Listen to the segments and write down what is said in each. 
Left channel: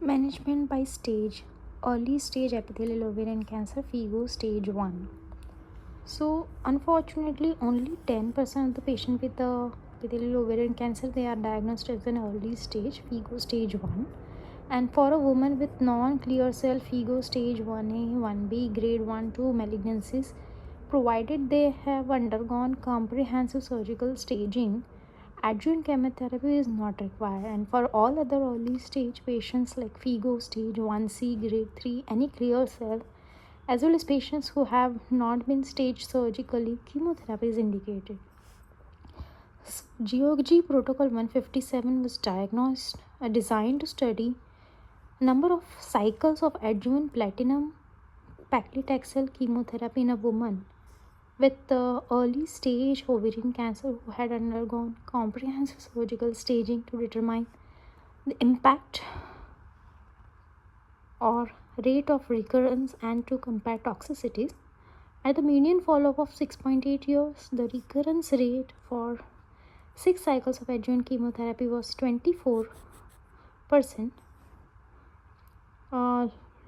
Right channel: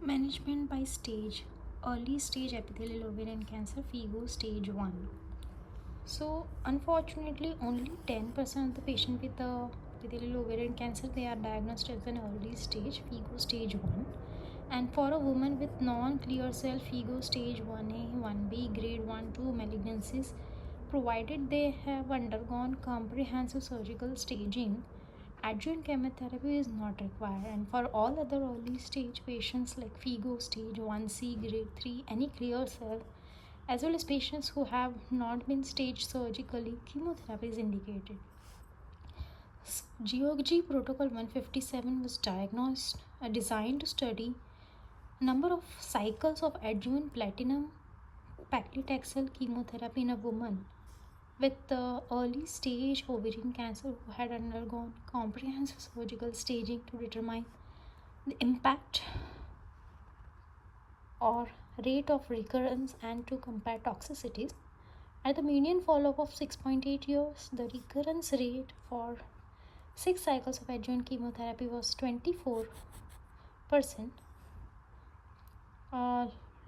Management by stage. Early stage epithelial ovarian cancer, Figo stage 1. So unfortunately only 10% of the patient with the epithelial ovarian cancer, they are diagnosed as an early stage, Figo stage 1. And for a woman with non-clear cell Figo stage 1A, 1B, grade 1-2 malignancies, provided they have undergone comprehensive surgical staging, adjuvant chemotherapy is not required. And for all other early stage patients like Figo stage 1C, grade 3, any clear cell, as well as patients who have not been staged surgically, chemotherapy is indicated. GOG Protocol 157 was designed to study number of cycles of adjuvant platinum paclitaxel chemotherapy in a woman with early stage ovarian cancer who had undergone comprehensive surgical staging to determine the impact or rate of recurrence and to compare toxicities. At the median follow-up of 6.8 years, the recurrence rate for 6 cycles of adjuvant chemotherapy was 24%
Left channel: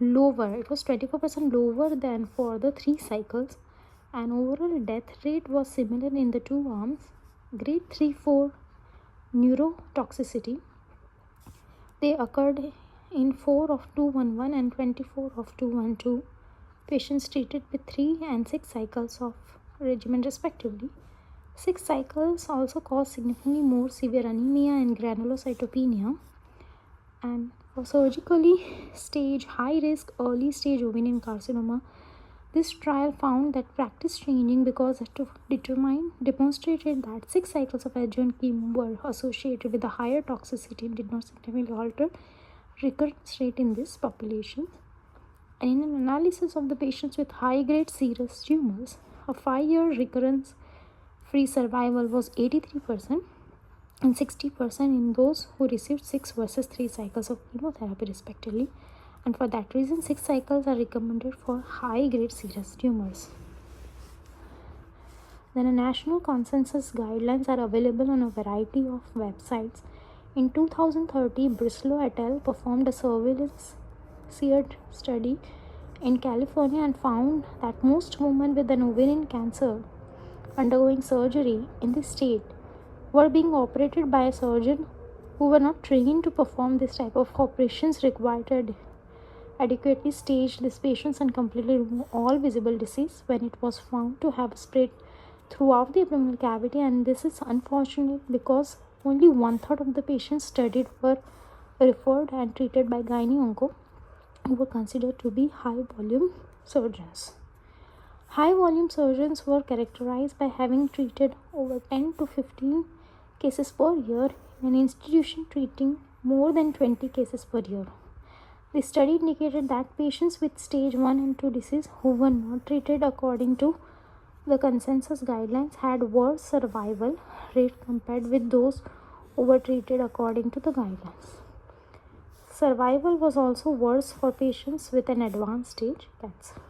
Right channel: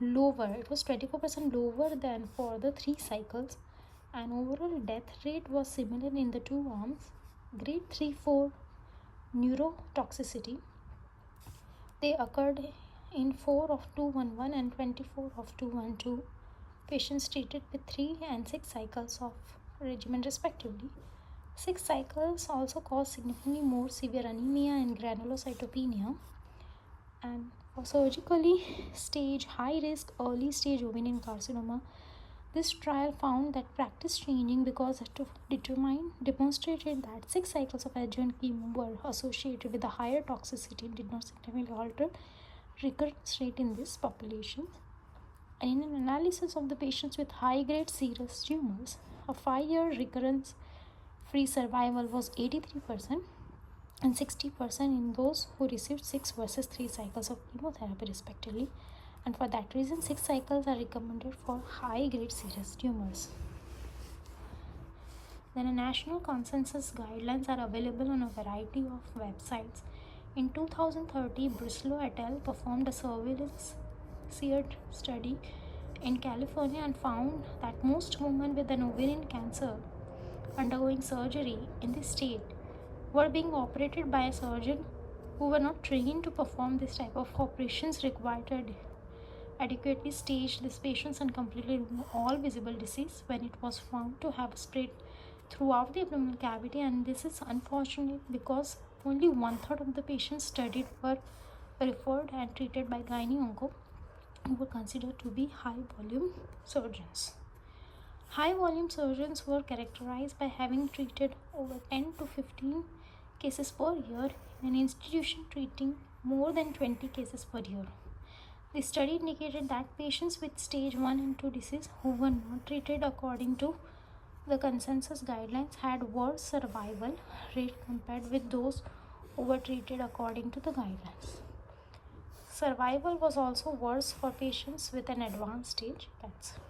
lower. It was 24% lower than for the 3 cycles, and overall death rate was similar in the 2 arms. Grade 3-4 neurotoxicity, they occurred in 4 of 211 and 24 of 212 patients treated with 3 and 6 cycles of regimen respectively. 6 cycles also caused significantly more severe anemia and granulocytopenia. And for surgically stage high risk early stage ovarian carcinoma, this trial found that practice changing because it demonstrated that 6 cycles of adjuvant chemo were associated with a higher toxicity and did not significantly alter recurrence rate in this population. And in an analysis of the patients with high-grade serous tumors, a 5-year recurrence-free survival was 83% and 60% in those who received 6 versus 3 cycles of chemotherapy respectively. And for that reason, 6 cycles are recommended for high-grade serous tumors. Then a national consensus guidelines are available on a variety of websites. In 2030, Brislow et al. Performed a surveillance seared study in California and found that most women with an ovarian cancer undergoing surgery in the state were being operated by a surgeon who were not trained to perform this type of operations, required to adequately stage these patients and completely remove all visible disease when it was found to have spread throughout the abdominal cavity. And this is unfortunate because only 1/3 of the patients studied were referred and treated by gynae-onco, who were considered to be high volume surgeons. High volume surgeons were characterized by having treated over 10 to 15 cases per year in an institution treating more than 20 cases per year. The study indicated that patients with stage 1 and 2 disease who were not treated according to the consensus guidelines had worse survival rate compared with those who were treated according to the guidelines. Survival was also worse for patients with an advanced stage cancer.